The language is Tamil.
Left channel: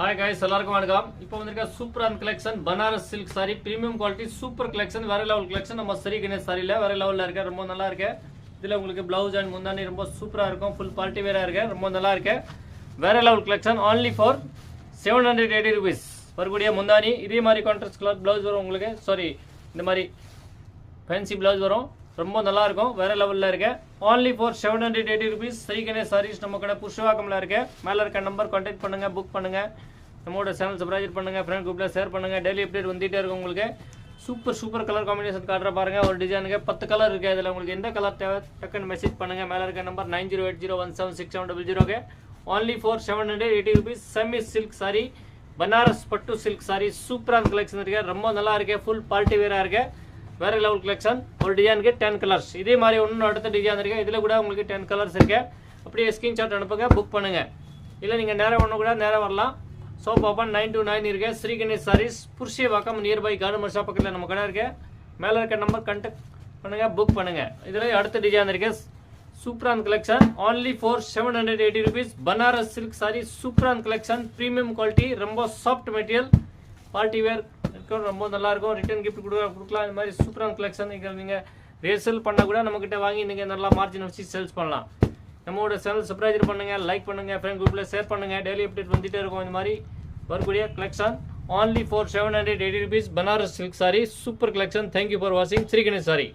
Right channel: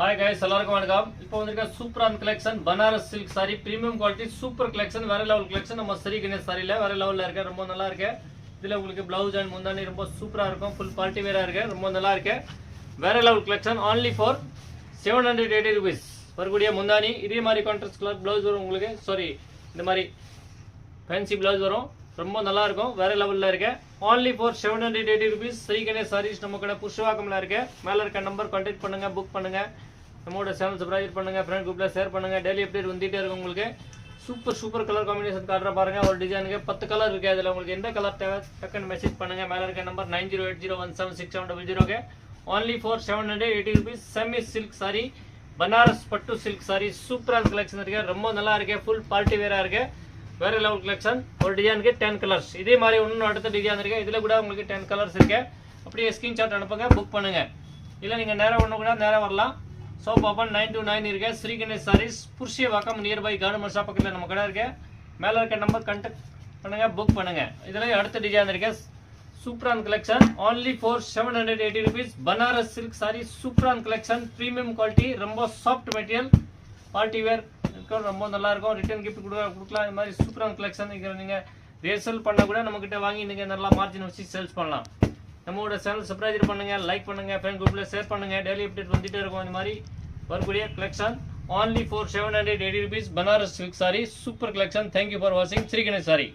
हाय गाइस எல்லாருக்கும் வணக்கம் இப்போ வந்திருக்க சூப்பரான collection Banaras silk saree premium quality super collection வேற லெவல் கலெக்ஷன் நம்ம ஸ்ரீ கணேஷ் சாரில வேற லெவல்ல இருக்கு ரொம்ப நல்லா இருக்கு இதுல உங்களுக்கு ப்ளவுஸ் அண்ட் முந்தானி ரொம்ப சூப்பரா இருக்கும் ফুল பார்ட்டி வேரா இருக்கு ரொம்ப நல்லா இருக்கு வேற level collection only for 780 rupees வரக்கூடிய முந்தானி இதே மாதிரி கான்ட்ராஸ்ட் கலர் ப்ளவுஸ் வரும் உங்களுக்கு சாரி இந்த மாதிரி ஃபேன்சி ப்ளவுஸ் வரும் ரொம்ப நல்லா இருக்கும் வேற லெவல்ல இருக்கு only for 780 rupees Sri Ganesh saris நம்ம கடை புஷ்வாக்கம்ல இருக்கு மேல இருக்க நம்பர் कांटेक्ट பண்ணுங்க புக் பண்ணுங்க நம்மளோட சேனல் சப்ஸ்கிரைப் பண்ணுங்க फ्रेंड ग्रुपல ஷேர் பண்ணுங்க டெய்லி அப்டேட் வந்துட்டே இருக்கும் உங்களுக்கு சூப்பர் கலர் காம்பினேஷன் காட்ற பாருங்க ஒரு டிசைனுக்கு 10 கலர் இருக்கு அதுல உங்களுக்கு எந்த கலர் தேவை டக்குன்னு மெசேஜ் பண்ணுங்க மேல இருக்க நம்பர் 9080176700 க்கு only for 780 rupees semi silk saree Banaras பட்டு silk saree சூப்பரான கலெக்ஷன் இருக்கு ரொம்ப நல்லா இருக்கு ফুল பார்ட்டி வேரா இருக்கு வேற லெவல் கலெக்ஷன் ஒரு டிசைனுக்கு 10 கலர்ஸ் இதே மாதிரி இன்னும் அடுத்த டிசைன் இருக்கு இதுல கூட உங்களுக்கு 10 கலர்ஸ் இருக்கு அப்படியே ஸ்கிரீன்ஷாட் அனுப்புங்க புக் பண்ணுங்க இல்ல நீங்க நேரா ஒண்ணு கூட நேரா வரலாம் शॉप ओपन 9 to 9 இருக்கு Sri Ganesh sarees Purasawalkam near by garden shop பக்கத்துல நம்ம கடை இருக்கு மேல இருக்க நம்பர் कांटेक्ट பண்ணுங்க புக் பண்ணுங்க இதுல அடுத்த டிசைன் இருக்கு சூப்பரான collection only for 780 rupees Banaras silk saree சூப்பரான கலெக்ஷன் பிரீமியம் குவாலிட்டி ரொம்ப சாஃப்ட் மெட்டீரியல் பார்ட்டி வேர் ரொம்ப நல்லா இருக்கும் ரிட்டர்ன் கிஃப்ட் கொடுக்கலாம் இந்த மாதிரி சூப்பரான கலெக்ஷன் நீங்க ரீசேல் பண்ண கூட நம்ம கிட்ட வாங்கி நீங்க நல்லா மார்ஜின் வச்சு சேல்ஸ் பண்ணலாம் நம்மளோட சேனல் சப்ஸ்கிரைப் பண்ணுங்க லைக் பண்ணுங்க फ्रेंड ग्रुपல ஷேர் பண்ணுங்க டெய்லி அப்டேட் வந்துட்டே இருக்கும் இந்த மாதிரி வரக்கூடிய collection only for 780 rupees Banaras silk saree super collection thank you for watching Sri Ganesh saree